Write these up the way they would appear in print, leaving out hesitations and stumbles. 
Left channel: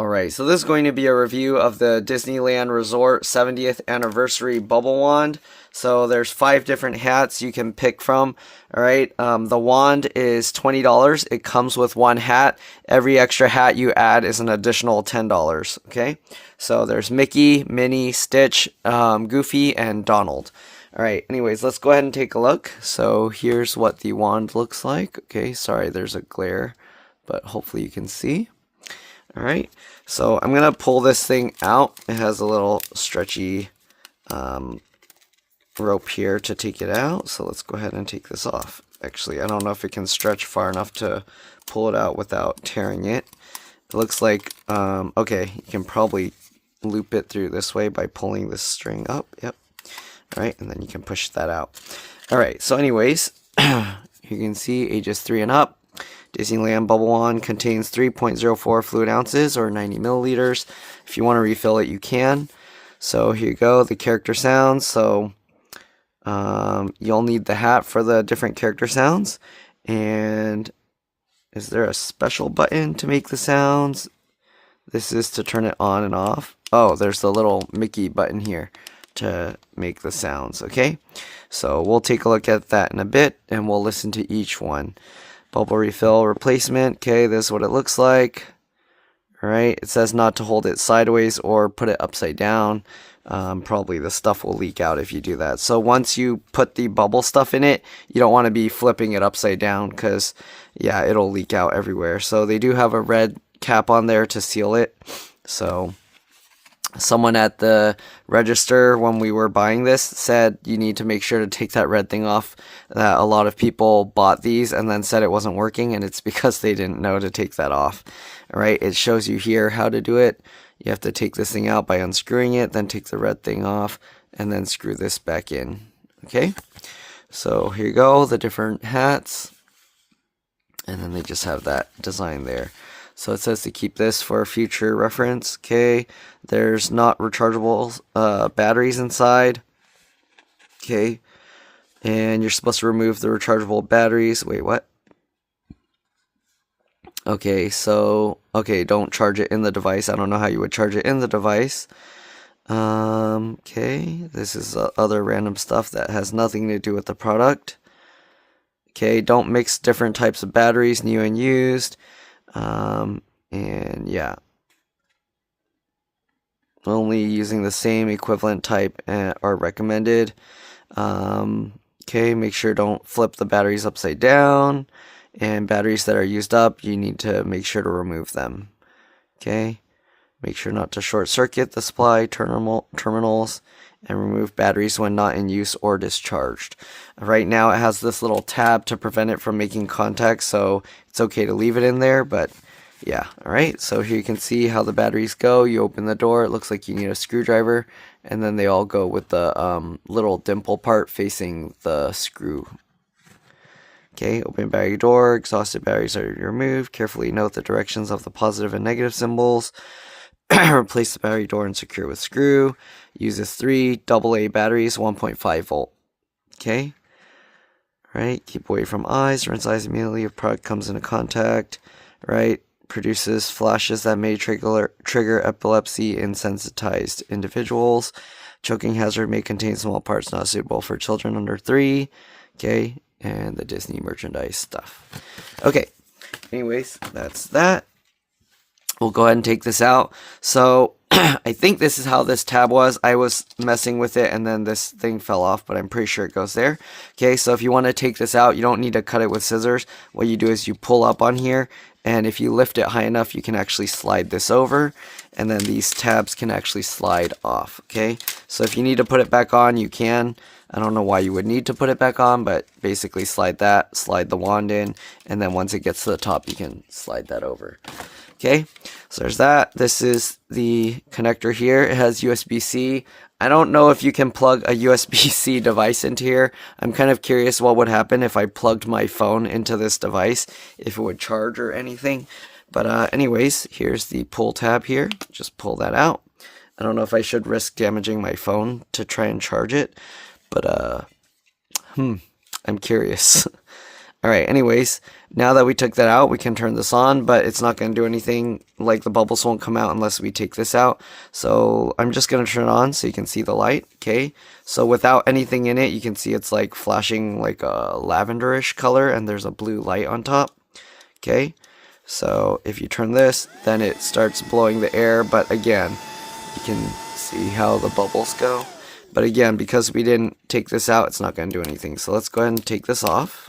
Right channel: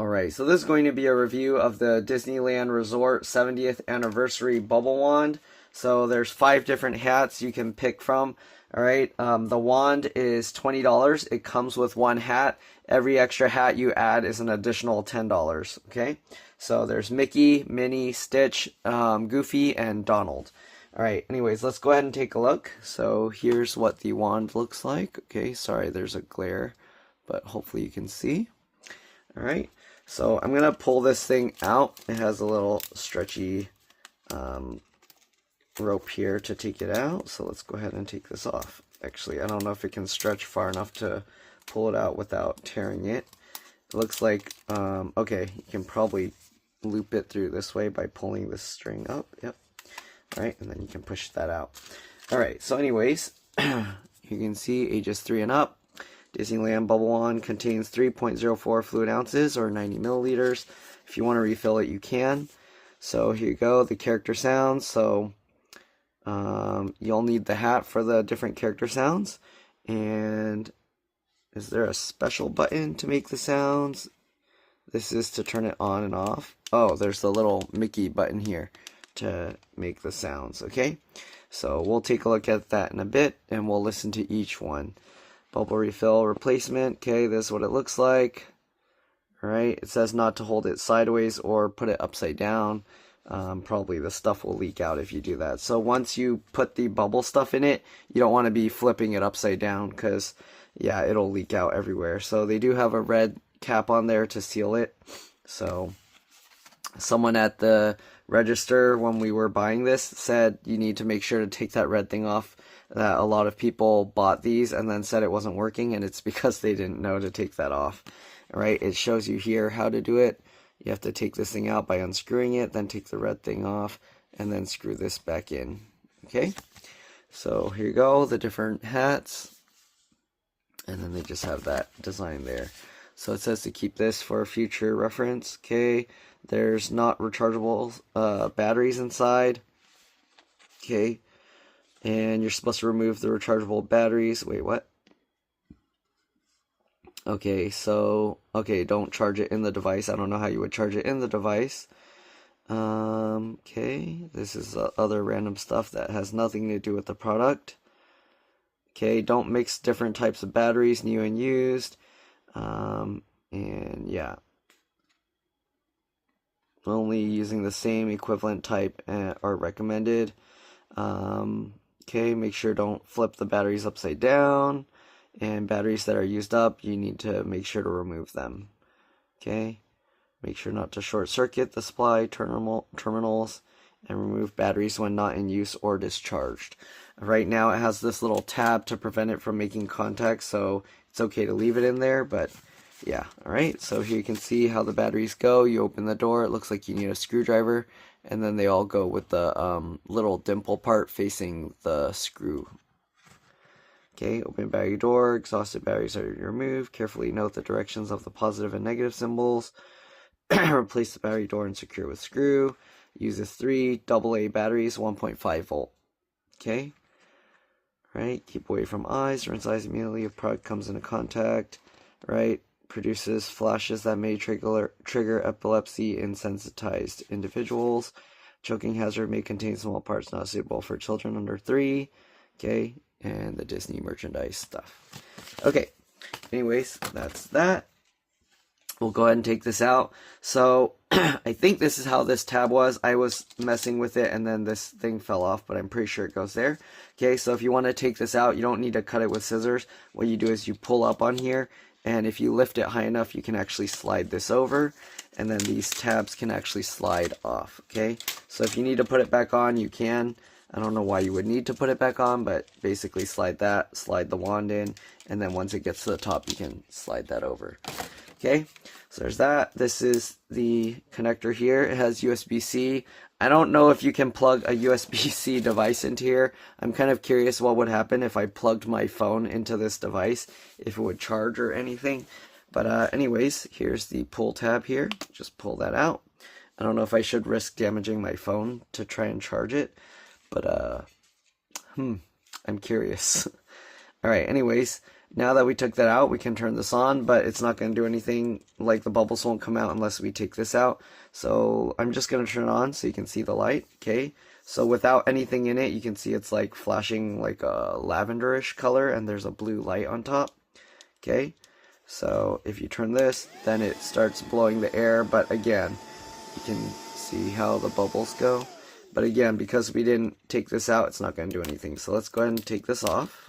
Alright, so this is going to be a review of the Disneyland Resort 70th Anniversary Bubble Wand. So there's 5 different hats you can pick from. Alright, the wand is $20. It comes with 1 hat. Every extra hat you add is an additional $10. Okay, so there's Mickey, Minnie, Stitch, Goofy, and Donald. Alright, anyways, let's go ahead and take a look. So here's what the wand looks like. Okay, sorry, there's a glare, but hopefully you can see. Alright, so I'm going to pull this thing out. It has a little stretchy rope here to take it out. So let's go ahead and take this off. Actually, I don't know if it can stretch far enough to pull it out without tearing it. It looks like, okay, you can probably loop it through this way by pulling this string up. Yep. Alright, and then you can push that out. Alright, so anyways, you can see ages 3 and up. Disneyland Bubble Wand contains 3.04 fluid ounces or 90 milliliters. If you want to refill it, you can. So here you go, the character sounds. So you'll need the hat for the different character sounds. And is there a special button to make the sounds? This is to turn it on and off. Oh, there's the little Mickey button here to make the sounds. Okay, so we'll take a look at that in a bit and we'll listen to each one. Bubble refill replacement. Okay, this is what it looks like. Alright, it says not to hold it sideways or put it upside down. Probably the stuff will leak out if you do that. So once you put the bubble stuff in it, you don't want to be flipping it upside down because, yeah, it'll leak out everywhere. So they do have a red cap on there to seal it. So someone at the register when we were buying this said you need to make sure to take that red thing off. That a lot of people bought these and then said it wasn't working, and it's because they didn't know to take that off. Alright, it shows you here how to do it. You have to take this thing out by unscrewing it, then take the red thing off, and then screw this back in. Okay, so here you go, the different hats, and then they just have that design there. So it says to keep this for future reference. Okay, there's not rechargeable batteries inside. Okay, and you're supposed to remove the rechargeable batteries. Wait, what? Okay, so, okay, don't charge it in the device. I don't know how you would charge it in the device. Okay, this is other random stuff that has nothing to do with the product. Okay, don't mix different types of batteries, new and used. And yeah, only using the same equivalent type are recommended. Okay, make sure don't flip the batteries upside down, and batteries that are used up, you need to make sure to remove them. Okay, make sure not to short circuit the supply terminals, and remove batteries when not in use or discharged. Right now it has this little tab to prevent it from making contact, so it's okay to leave it in there, but yeah. Alright, so here you can see how the batteries go. You open the door, it looks like you need a screwdriver, and then they all go with the little dimple part facing the screw. Okay, open battery door, exhausted batteries are removed. Carefully note the directions of the positive and negative symbols. Replace the battery door and secure with screw. Uses 3 AA batteries, 1.5 volt. Okay. Right. Keep away from eyes. Rinse eyes immediately if product comes into contact. Right. Produces flashes that may trigger epilepsy in sensitized individuals. Choking hazard may contain small parts not suitable for children under 3. Okay. And the Disney merchandise stuff. Okay. Anyways, that's that. We'll go ahead and take this out. So I think this is how this tab was. I was messing with it and then this thing fell off, but I'm pretty sure it goes there. Okay, so if you want to take this out, you don't need to cut it with scissors. What you do is you pull up on here, and if you lift it high enough, you can actually slide this over, and then these tabs can actually slide off. Okay, so if you need to put it back on, you can. I don't know why you would need to put it back on, but basically slide that, slide the wand in, and then once it gets to the top, you can slide that over. Okay, so there's that. This is the connector here. It has USB-C. I don't know if you can plug a USB-C device into here. I'm kind of curious what would happen if I plugged my phone into this device, if it would charge or anything. But anyways, here's the pull tab here. Just pull that out. I don't know if I should risk damaging my phone to try and charge it, but I'm curious. Alright, anyways, now that we took that out, we can turn this on, but it's not going to do anything, like the bubbles won't come out unless we take this out. So I'm just going to turn it on so you can see the light, okay? So without anything in it, you can see it's like flashing like a lavenderish color, and there's a blue light on top, okay? So if you turn this, then it starts blowing the air, but again, you can see how the bubbles go. But again, because we didn't take this out, it's not going to do anything. So let's go ahead and take this off.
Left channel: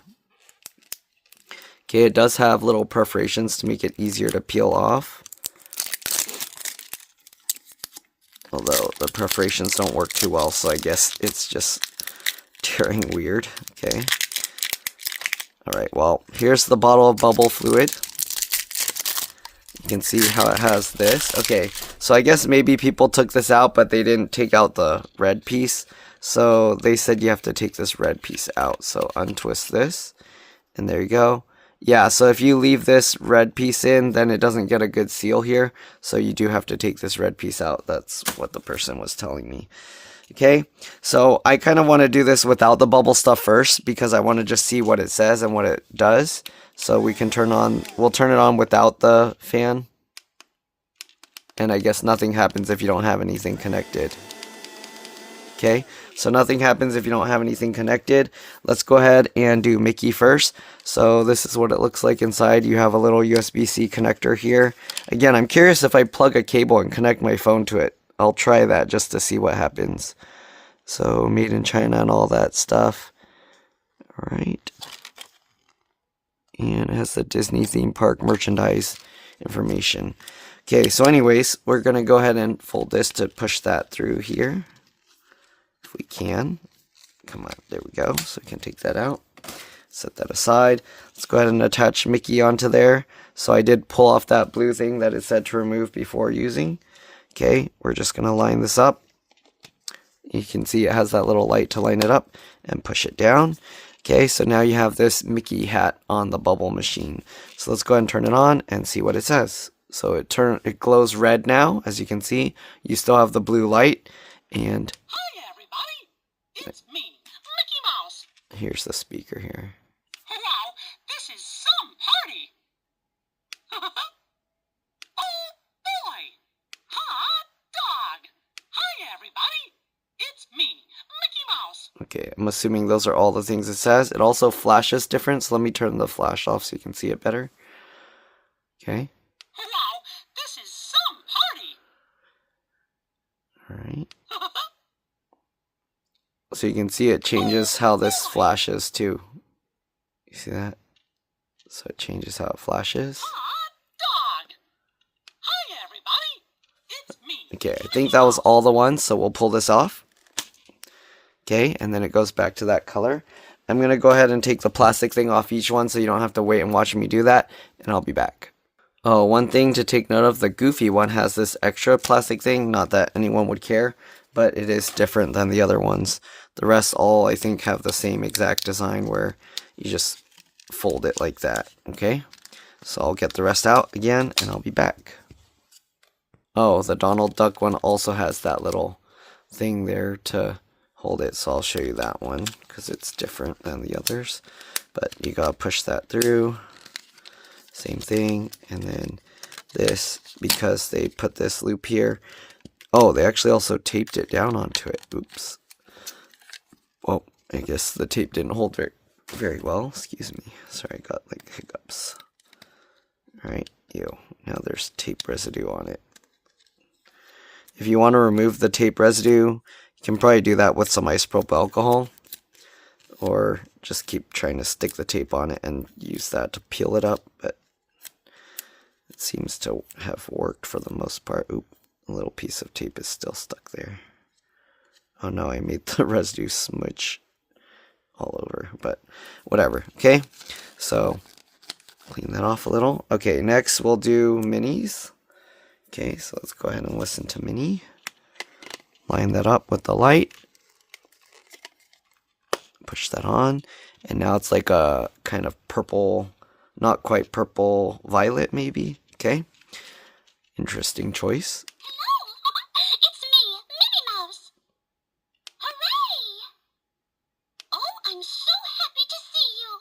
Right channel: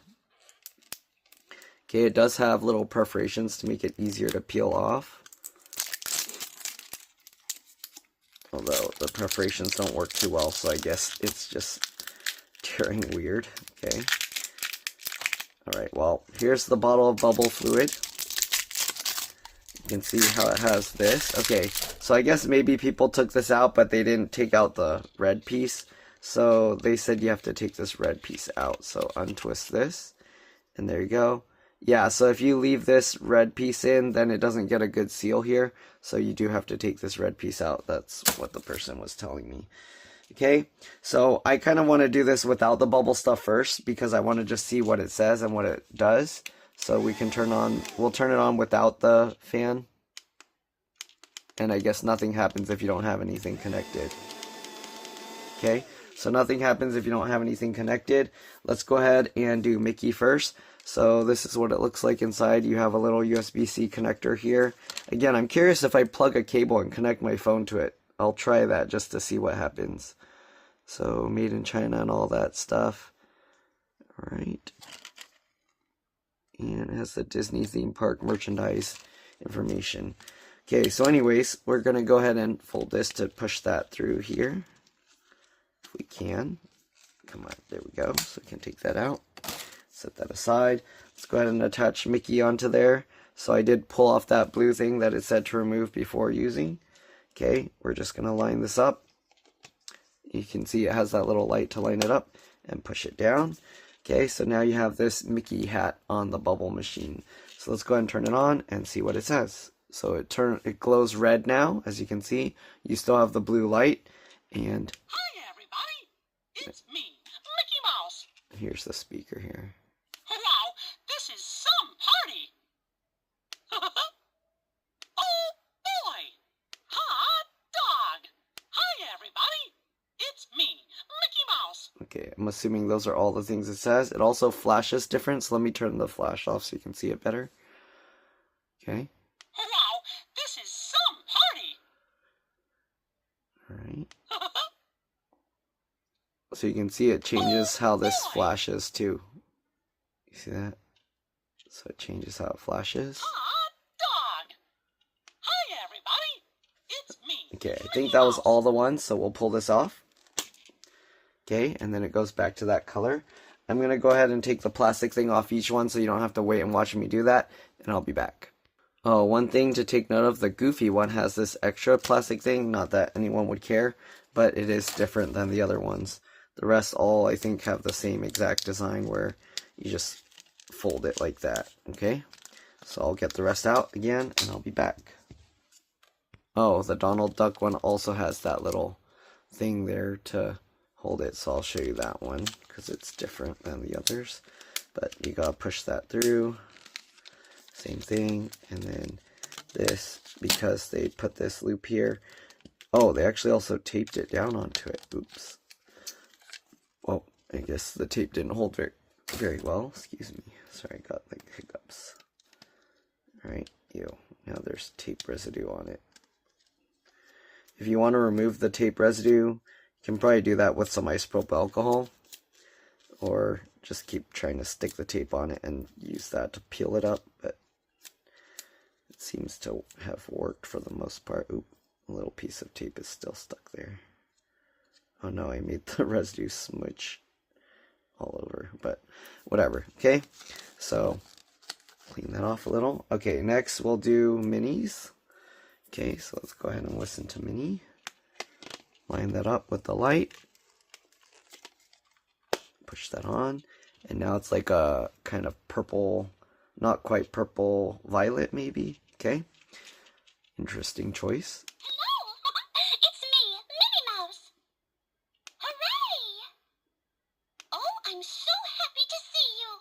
Okay, it does have little perforations to make it easier to peel off. Although the perforations don't work too well, so I guess it's just tearing weird. Okay. Alright, well, here's the bottle of bubble fluid. You can see how it has this. Okay, so I guess maybe people took this out, but they didn't take out the red piece. So they said you have to take this red piece out. So untwist this, and there you go. Yeah, so if you leave this red piece in, then it doesn't get a good seal here. So you do have to take this red piece out. That's what the person was telling me. Okay, so I kind of want to do this without the bubble stuff first because I want to just see what it says and what it does. So we'll turn it on without the fan. And I guess nothing happens if you don't have anything connected. Okay, so nothing happens if you don't have anything connected. Let's go ahead and do Mickey first. So this is what it looks like inside. You have a little USB-C connector here. Again, I'm curious if I plug a cable and connect my phone to it. I'll try that just to see what happens. So made in China and all that stuff. All right. And it has the Disney theme park merchandise information. Okay, so anyways, we're going to go ahead and fold this to push that through here. If we can. Come on, there we go. So we can take that out. Set that aside. Let's go ahead and attach Mickey onto there. So I did pull off that blue thing that it said to remove before using. Okay, we're just going to line this up. You can see it has that little light to line it up and push it down. Okay, so now you have this Mickey hat on the bubble machine. So let's go ahead and turn it on and see what it says. So it glows red now, as you can see. You still have the blue light. And hi everybody, it's me, Mickey Mouse. Here's the speaker here. Wow, this is some party. Oh boy, hot dog. Hi everybody, it's me, Mickey Mouse. Okay, I'm assuming those are all the things it says. It also flashes different, so let me turn the flash off so you can see it better. Okay. Wow, this is some party. Alright. So you can see it changes how this flashes too. You see that? So it changes how it flashes. Hot dog. Hi everybody, it's me. Okay, I think that was all the ones, so we'll pull this off. Okay, and then it goes back to that color. I'm going to go ahead and take the plastic thing off each one so you don't have to wait and watch me do that, and I'll be back. Oh, one thing to take note of, the Goofy one has this extra plastic thing, not that anyone would care, but it is different than the other ones. The rest all, I think, have the same exact design where you just fold it like that, okay? So I'll get the rest out again, and I'll be back. Oh, the Donald Duck one also has that little thing there to hold it, so I'll show you that one, because it's different than the others. But you gotta push that through. Same thing, and then this, because they put this loop here. Oh, they actually also taped it down onto it. Oops. Well, I guess the tape didn't hold very well. Excuse me. Sorry, I got like hiccups. Alright, now there's tape residue on it. If you want to remove the tape residue, you can probably do that with some isopropyl alcohol. Or just keep trying to stick the tape on it and use that to peel it up. But it seems to have worked for the most part. Oop, a little piece of tape is still stuck there. Oh no, I made the residue smudge all over, but whatever. Okay, so clean that off a little. Okay, next we'll do Minnie's. Okay, so let's go ahead and listen to Minnie. Line that up with the light. Push that on, and now it's like a kind of purple, not quite purple, violet maybe. Okay, interesting choice. Hello, it's me, Minnie Mouse. Hooray! Oh, I'm so happy to see you.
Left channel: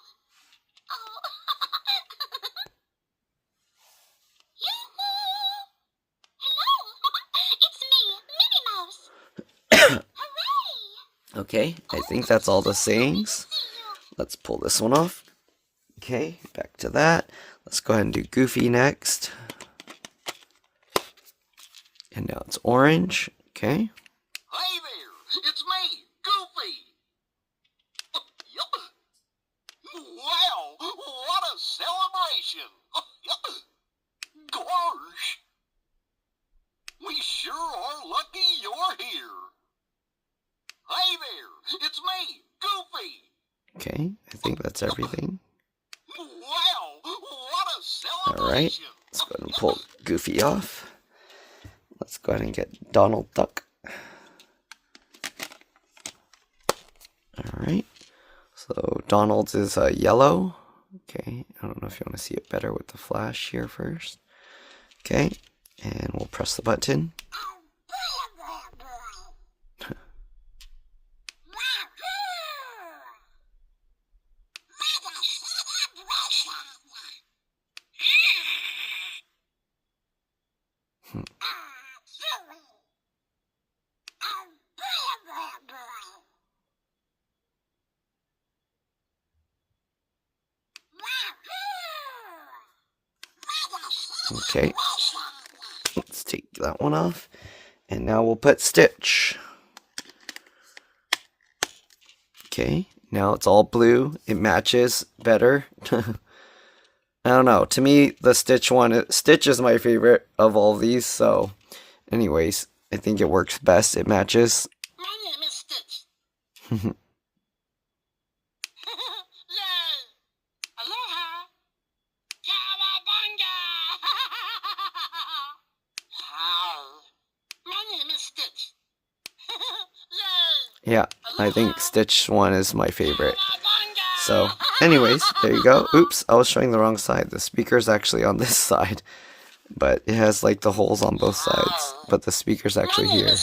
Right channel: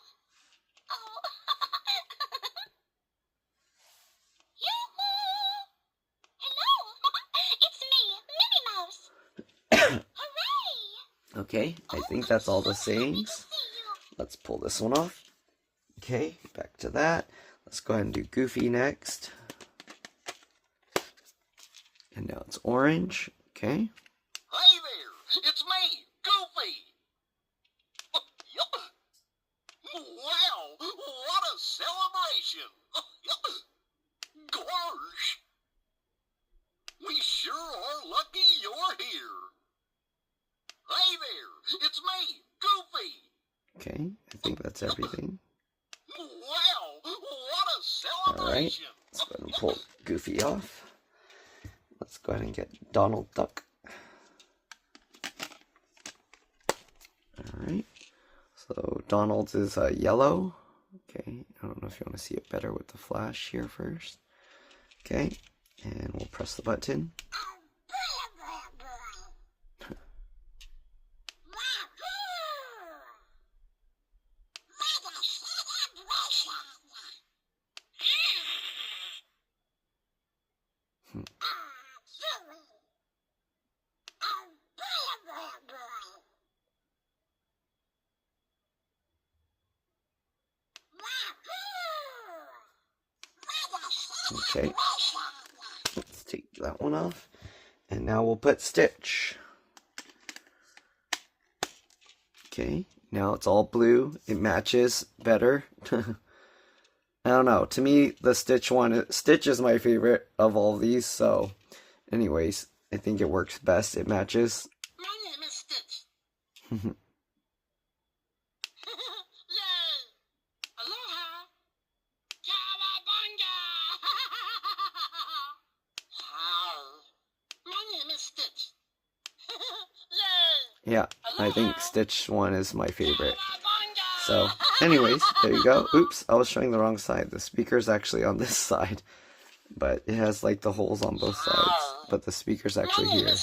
Okay, I think that's all the sayings. Let's pull this one off. Okay, back to that. Let's go ahead and do Goofy next. And now it's orange. Okay. Hey there, it's me, Goofy. Wow, what a celebration. Gosh. We sure are lucky you're here. Hey there, it's me, Goofy. Okay, I think that's everything. Wow, what a celebration. Alright, let's go ahead and pull Goofy off. Let's go ahead and get Donald Duck. Alright, so Donald's is yellow. Okay, I don't know if you want to see it better with the flash here first. Okay, and we'll press the button. Okay, let's take that one off. And now we'll put Stitch. Okay, now it's all blue. It matches better. I don't know. To me, the Stitch one, Stitch is my favorite of all of these. So, anyways, I think it works best. It matches. My name is Stitch. Aloha. Cowabunga. Hi. My name is Stitch. Yay. Yeah, I think Stitch one is my favorite. So, anyways, there you go. Oops, I was showing the wrong side. The speaker's actually on this side. But it has like the holes on both sides. But the speaker's actually here.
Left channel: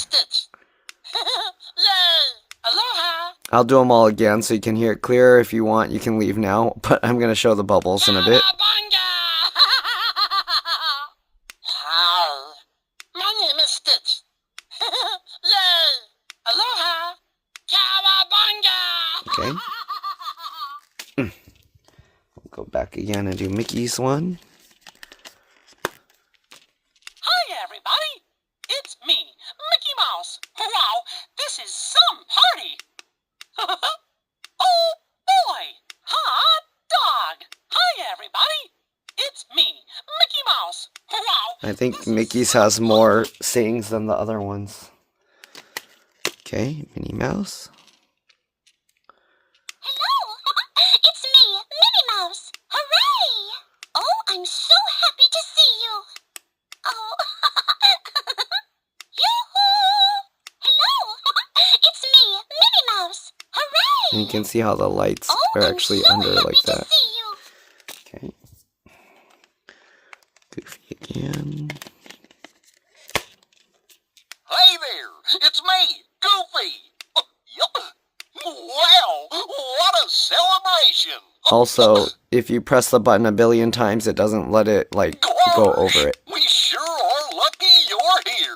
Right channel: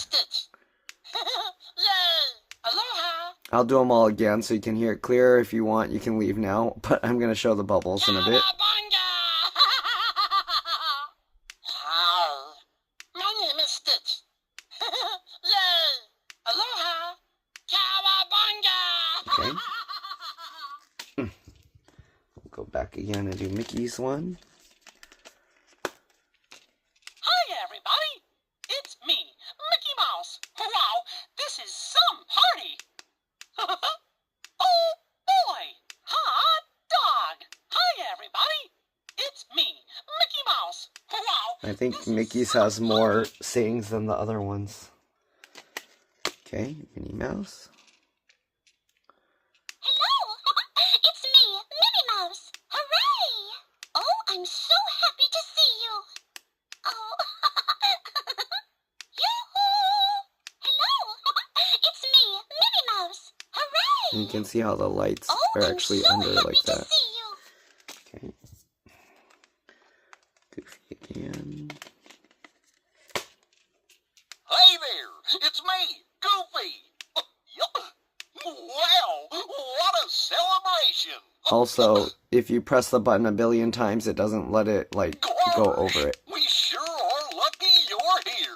I'll do them all again so you can hear it clearer. If you want, you can leave now. But I'm going to show the bubbles in a bit. Hi. My name is Stitch. Yay. Aloha. Cowabunga. Okay. Go back again and do Mickey's one. Hi, everybody. It's me, Mickey Mouse. Wow, this is some party. Oh, boy. Hot dog. Hi, everybody. It's me, Mickey Mouse. Wow. I think Mickey's has more sayings than the other ones. Okay, Minnie Mouse. Hello, it's me, Minnie Mouse. Hooray! Oh, I'm so happy to see you. Oh, yoo-hoo! Hello, it's me, Minnie Mouse. Hooray! And you can see how the lights Oh, are I'm actually so under happy like to that. see you. Okay. Goofy again. Hey there, it's me, Goofy. Wow, what a celebration. Also, if you press the button a billion times, it doesn't let it like go over it. We sure are lucky you're here.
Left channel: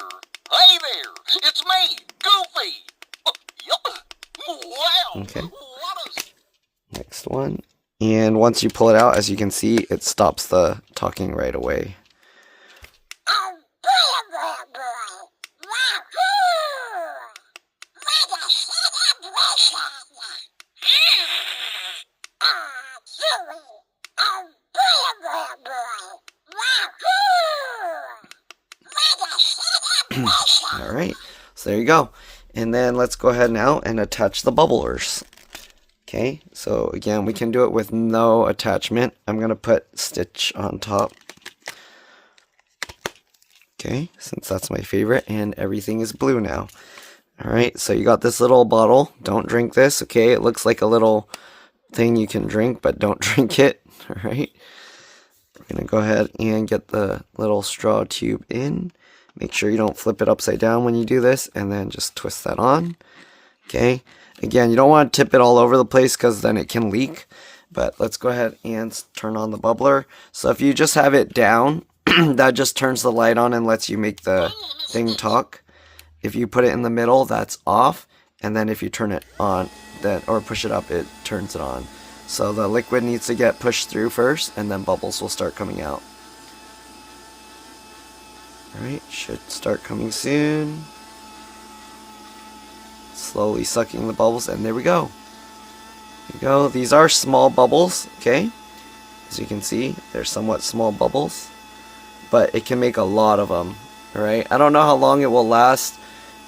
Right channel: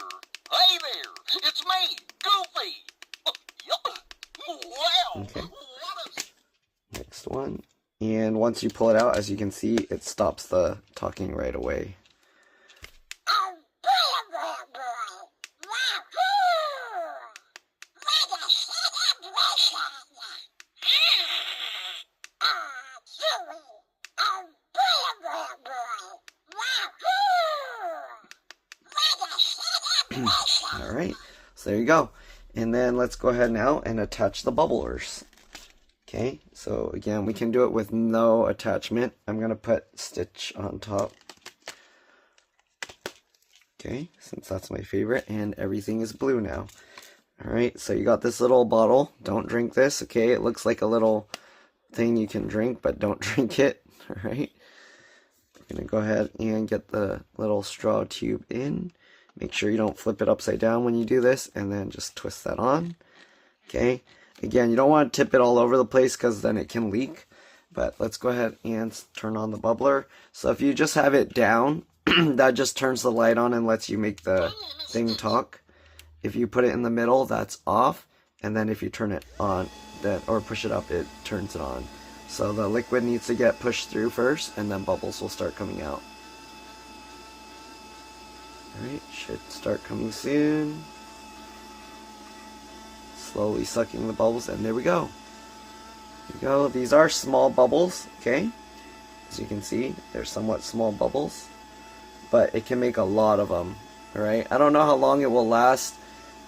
Hey there, it's me, Goofy. Wow, Okay. what a... Next one. And once you pull it out, as you can see, it stops the talking right away. Oh, boy, boy, boy. Wahoo! What a celebration. Chewy. Oh, boy, boy, boy. Wahoo! What a celebration. Alright, so there you go. And then let's go ahead now and attach the bubblers. Okay, so again, we can do it with no attachment. I'm going to put Stitch on top. Okay, since that's my favorite, and everything is blue now. Alright, so you got this little bottle. Don't drink this, okay? It looks like a little thing you can drink, but don't drink it. Alright, we're going to go ahead and get the little straw tube in. Make sure you don't flip it upside down when you do this, and then just twist that on. Okay, again, you don't want to tip it all over the place because then it can leak. But let's go ahead and turn on the bubbler. So if you just have it down, that just turns the light on and lets you make the thing talk. If you put it in the middle, that's off. and then if you turn it on, then or push it up, it turns it on. So the liquid needs to get pushed through first, and then bubbles will start coming out. Alright, should start coming soon. Slowly sucking the bubbles, and there we go. There you go. These are small bubbles, okay? As you can see, they're somewhat small bubbles, but it can make a lot of them. Alright, I don't know how long it will last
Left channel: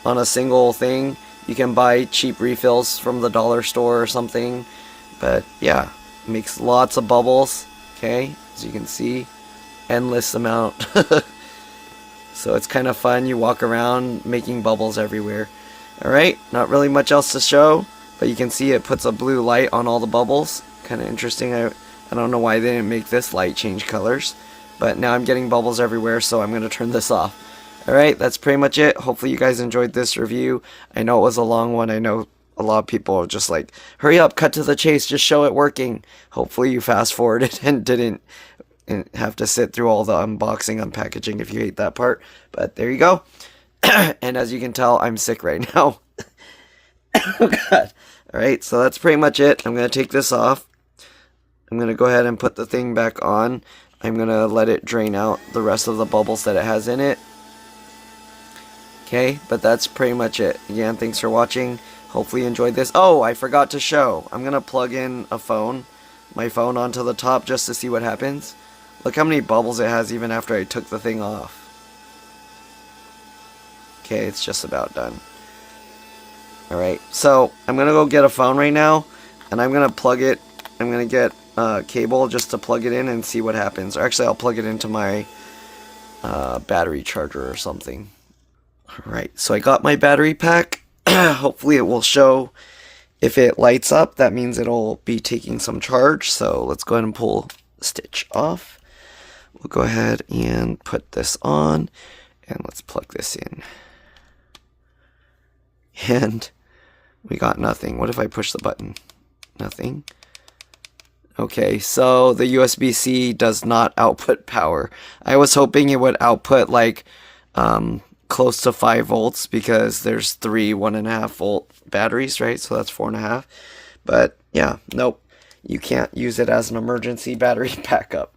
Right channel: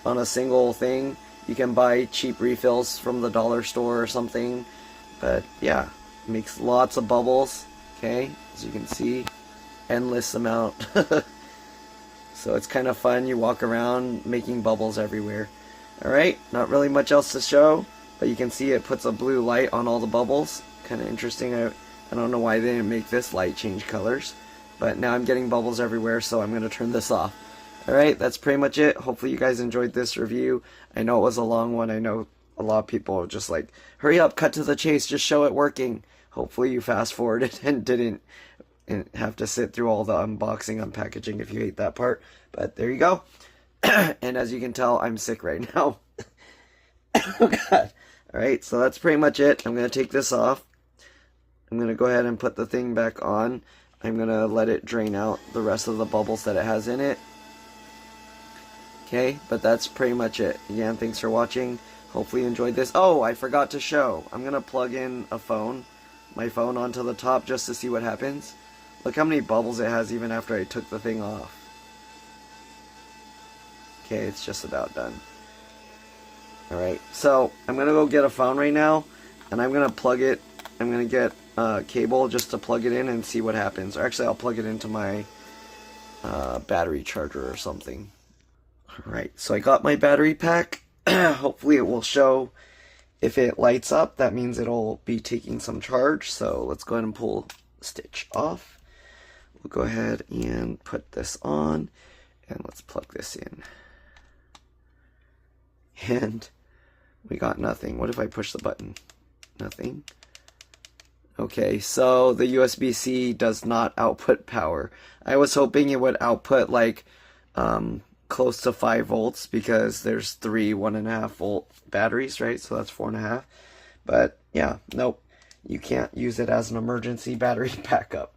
on a single thing. You can buy cheap refills from the dollar store or something, but yeah, it makes lots of bubbles, okay? As you can see, endless amount. So it's kind of fun. You walk around making bubbles everywhere. Alright, not really much else to show, but you can see it puts a blue light on all the bubbles. Kind of interesting. I don't know why they didn't make this light change colors, but now I'm getting bubbles everywhere, so I'm going to turn this off. Alright, that's pretty much it. Hopefully you guys enjoyed this review. I know it was a long one. I know a lot of people are just like, hurry up, cut to the chase, just show it working. Hopefully you fast forwarded and didn't have to sit through all the unboxing, unpackaging if you hate that part. But there you go. And as you can tell, I'm sick right now. Oh god. Alright, so that's pretty much it. I'm going to take this off. I'm going to go ahead and put the thing back on. I'm going to let it drain out the rest of the bubbles that it has in it. Okay, but that's pretty much it. Again, thanks for watching. Hopefully you enjoyed this. Oh, I forgot to show. I'm going to plug in my phone onto the top just to see what happens. Look how many bubbles it has even after I took the thing off. Okay, it's just about done. Alright, so I'm going to go get a phone right now, and I'm going to plug it. I'm going to get a cable just to plug it in and see what happens. Or actually, I'll plug it into my battery charger or something. Alright, so I got my battery pack. Hopefully it will show if it lights up. That means it'll be taking some charge. So let's go ahead and pull the stitch off. We'll go ahead and put this on, and let's plug this in. And we got nothing. What if I push the button? Nothing. Okay, so the USB-C does not output power. I was hoping it would output like close to 5 volts, because there's 3 1.5 volt batteries, right? So that's 4.5. But yeah, nope. You can't use it as an emergency battery backup.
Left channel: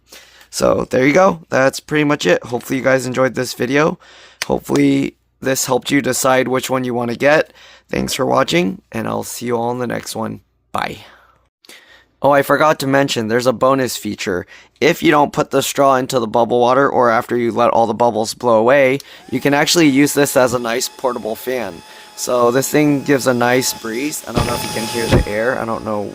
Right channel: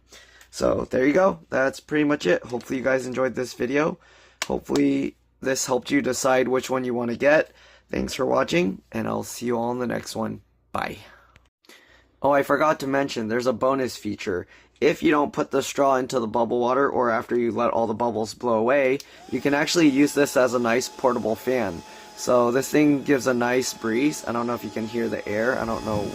So there you go. That's pretty much it. Hopefully you guys enjoyed this video. Hopefully this helped you decide which one you want to get. Thanks for watching, and I'll see you all in the next one. Bye. Oh, I forgot to mention, there's a bonus feature. If you don't put the straw into the bubble water, or after you let all the bubbles blow away, you can actually use this as a nice portable fan. So this thing gives a nice breeze. I don't know if you can hear the air. I don't know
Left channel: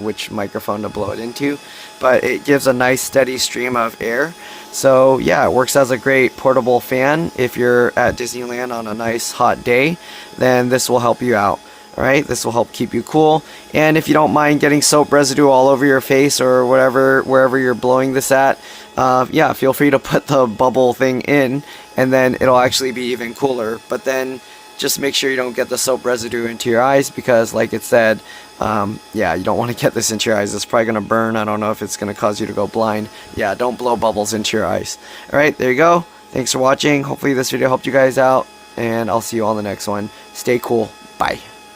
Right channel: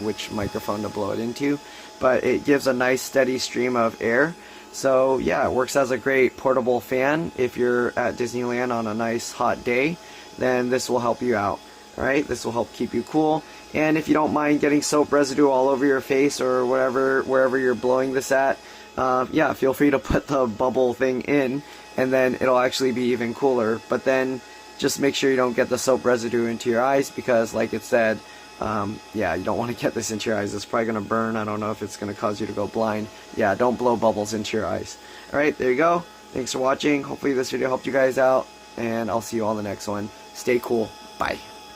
which microphone to blow it into, but it gives a nice steady stream of air. So yeah, it works as a great portable fan. If you're at Disneyland on a nice hot day, then this will help you out. Alright, this will help keep you cool. And if you don't mind getting soap residue all over your face or wherever you're blowing this at, yeah, feel free to put the bubble thing in, and then it'll actually be even cooler. But then just make sure you don't get the soap residue into your eyes, because like it said, yeah, you don't want to get this into your eyes. It's probably going to burn. I don't know if it's going to cause you to go blind. Yeah, don't blow bubbles into your eyes. Alright, there you go. Thanks for watching. Hopefully this video helped you guys out, and I'll see you all in the next one. Stay cool. Bye.